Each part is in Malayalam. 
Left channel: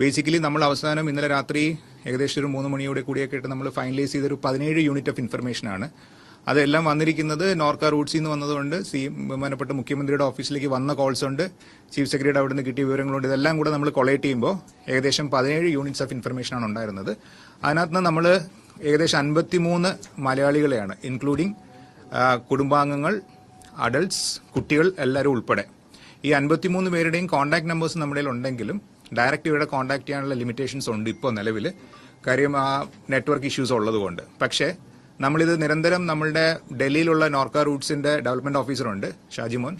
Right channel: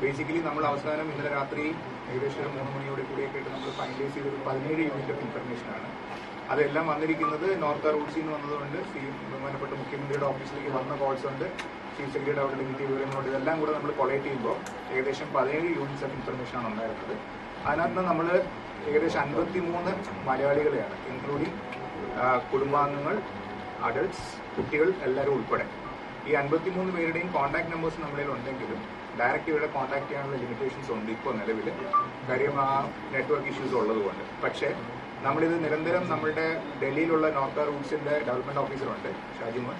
ബേസിക്കലി നമ്മൾ അവസാനം ഇന്നലെ രാത്രി ഏകദേശം ഒരു 3 മണിയോടെ കൂടിയൊക്കെ ആയിട്ട് നമ്മൾ ഫൈനലൈസ് ചെയ്തൊരു 17 യൂണിറ്റ് ഓഫ് ഇൻഫർമേഷനാണ്. അതെല്ലാം വന്നിരിക്കുന്നത് നോർക്ക റൂട്ട്സിൽ നിന്ന് വന്നതുകൊണ്ട് ബഹുമാനപ്പെട്ട മുഖ്യമന്ത്രിയുടെ ഓഫീസിലേക്ക് വന്ന കോൾസ് ഉണ്ട്, ചീഫ് സെക്രട്ടറി അവിടെ നിന്ന് കിട്ടിയ വിവരങ്ങളുണ്ട്. ഇതെല്ലാം കൂടെ നമ്മൾ കൊളേറ്റ് ചെയ്യുമ്പോൾ ഏകദേശം 17 യൂണിറ്റ്സ് ഓഫ് ഇൻഫർമേഷനാണ് ഉണ്ടായിരുന്നത്. അതിനകത്ത് നമ്മൾ ഏകദേശം 53 മലയാളികളെയാണ്, ഇൻക്ലൂഡിങ് കുടുംബാംഗങ്ങൾ, അഡൾട്ട്സ്, കുട്ടികൾ എല്ലാവരും ഉൾപ്പെടെ. ഈ 53 പേരുടെയും കോൺടാക്ട് നമ്പേഴ്സ് നമ്മുടെ ഉണ്ടെങ്കിലും ഡയറക്റ്റ് ഇവരുടെ കോൺടാക്ട് ചെയ്യാനുള്ള ലിമിറ്റേഷൻസ് ഉണ്ട് ഇപ്പോൾ നിലവിൽ, കാര്യം ആ നെറ്റ്വർക്ക് ഇഷ്യൂസ് ഉള്ളതുകൊണ്ട്. പക്ഷേ നമ്മളിത് നിരന്തരം നമ്മളുടെ ഡൽഹിയിലുള്ള നോർക്ക റൂട്ട്സിൻ്റെ ഡെവലപ്മെൻറ്റ് ഓഫീസറുണ്ട്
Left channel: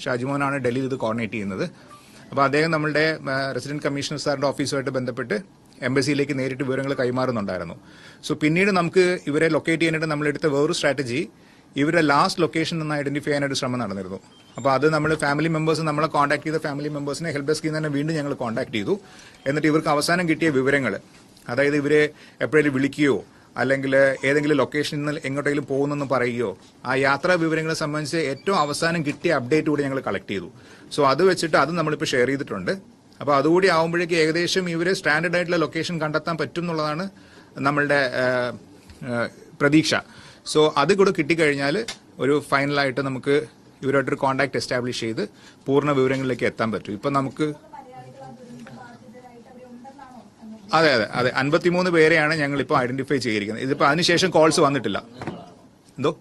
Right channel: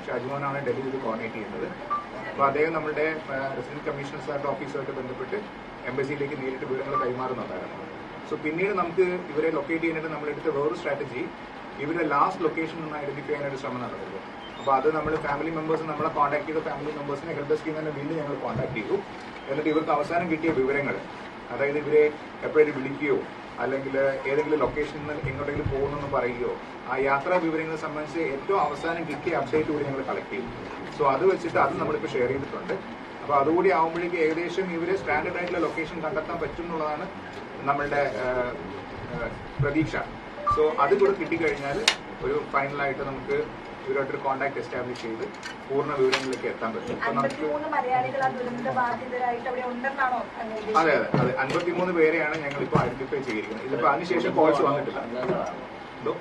ഷാജിമോനാണ് ഡൽഹിയിൽ ഇത് കോർഡിനേറ്റ് ചെയ്യുന്നത്. അപ്പോൾ അദ്ദേഹം നമ്മളുടെ റെസിഡൻറ്റ് കമ്മീഷണർ സാറിൻ്റെ ഓഫീസുമായിട്ട് ബന്ധപ്പെട്ട് എംബസിയിലേക്ക് നേരിട്ട് വിവരങ്ങൾ കൈമാറുന്നുണ്ടായിരുന്നു. സോ പിന്നീട് നമുക്ക് ഇവരെ ലൊക്കേറ്റ് ചെയ്യാനായിട്ട് നമ്മളെടുത്ത വേറൊരു സ്ട്രാറ്റജി, ഇവരുടെ ലാസ്റ്റ് ലൊക്കേഷൻ നിന്ന് ഐഡൻറ്റിഫൈ ചെയ്യാനായിട്ട് ശ്രമം നടന്നിരുന്നു. അപ്പോൾ അത് നമ്മൾ ഫാമിലി മെമ്പേഴ്സ് നമ്മളെ കോൺടാക്ട് ചെയ്ത ഫാമിലി മെമ്പേഴ്സിനെ ഹെൽപ്പ് ഡെസ്കിൽ നിന്ന് തന്നെ വീണ്ടും ഞങ്ങൾ കോൺടാക്ട് ചെയ്തു. എന്നിട്ട് ഇവർക്ക് അവസാനം കിട്ടിയ വിവരങ്ങൾ, അതായത് ഇവരെ എപ്പോഴെങ്കിലും വിളിക്കുകയോ അല്ലെങ്കിൽ ഏതെങ്കിലും ലൊക്കേഷനിൽ നിന്ന് എങ്ങോട്ടെങ്കിലും പോകുന്നെന്ന് പറയുകയോ ആ യാത്രാ വിവരങ്ങളെ സംബന്ധിച്ച് ഏറ്റവും അവസാനം കിട്ടിയ അപ്ഡേറ്റ് കൂടി ഞങ്ങൾ കളക്ട് ചെയ്തു. സോ അത് വെച്ചിട്ട് അത് നമ്മളിപ്പോൾ ഷെയർ ചെയ്തിട്ടുണ്ട്. അപ്പോൾ അതുകൂടി ആകുമ്പോഴേക്കും ഏകദേശം ഇവരെ സ്റ്റാൻഡേർഡ് ആയിട്ടുള്ള ലൊക്കേഷൻ കണ്ടെത്താൻ പറ്റും എന്നുള്ളതാണ് നമ്മളുടെ പ്രതീക്ഷ. സോ അത് കൂടെ കിട്ടിക്കഴിഞ്ഞാൽ ഒരു ഫൈനലായിട്ട് നമുക്ക് ഇവരായിട്ടൊരു കോൺടാക്ട് എസ്റ്റാബ്ലിഷ് ചെയ്ത് പൂർണ്ണ വിവരങ്ങളിലേക്ക് എത്താൻ പറ്റും. ഇപ്പം നമുക്ക് അതെ 53 പേരെയാണ് ഞങ്ങളിപ്പോൾ ഐഡന്റിഫൈ ചെയ്തിരിക്കുന്നത്. ഇതിപ്പോൾ അതിനുശേഷം കോൾസ് വന്നിട്ടില്ല. എന്തോ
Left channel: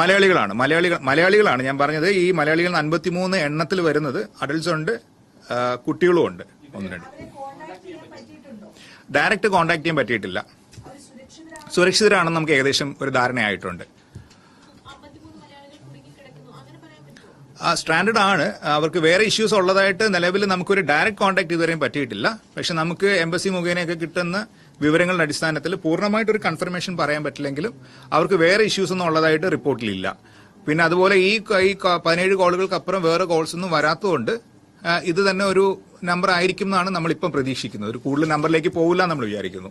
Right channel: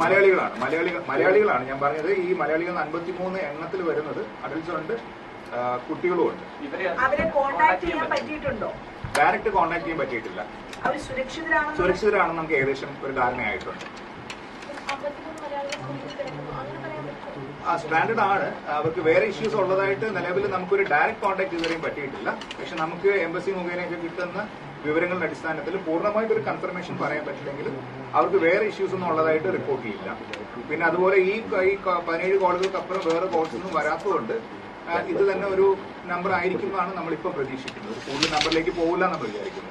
മലയാളികളാണ് ഞാൻ പറഞ്ഞത്. ഈ മലയാളികൾ 53 എണ്ണത്തിൽ വരുന്നത് അഡൽട്ട്സ് ഉണ്ട്, കുട്ടികളും ഉണ്ട്. ഡയറക്റ്റ് കോൺടാക്ട് ചെയ്യാൻ പറ്റിയിട്ടില്ല. സുരക്ഷിതരാണെന്ന് നമുക്ക് ഏകദേശം ഒരു ധാരണയായിട്ടുണ്ട്. സ്റ്റാൻഡേർഡ് ആണ്, അവർക്ക് വേറെ ഇഷ്യൂസ് ഉള്ളതായിട്ട് നിലവിൽ നമുക്കൊരു ഡയറക്റ്റ് കോൺടാക്ട് ഇതുവരെയും പറ്റിയിട്ടില്ല. പക്ഷെ നമുക്ക് എംബസി മുഖേനയൊക്കെ കിട്ടുന്ന വിവരങ്ങളുടെ അടിസ്ഥാനത്തിൽ പൂർണ്ണമായിട്ടൊരു കൺഫർമേഷൻ പറയാൻ പറ്റില്ലെങ്കിലും അവർക്ക് വേറെ ഇഷ്യൂസ് ഒന്നും ഉള്ളതായിട്ട് റിപ്പോർട്ടിലില്ല. പിന്നെ അതുപോലെ ഈ 17 കോളുകൾക്ക് അപ്പുറം വേറെ കോൾസ് ഒന്നും വരാത്തതുകൊണ്ട് ഇത് തന്നെ ഒരു നമ്പർ ആയിരിക്കും എന്നാണ് നമ്മളിപ്പം പ്രതീക്ഷിക്കുന്നത്. ഒരു കൂടുതൽ നമ്പറിലേക്ക് പോകില്ല നമ്മൾ വിചാരിക്കുന്നു.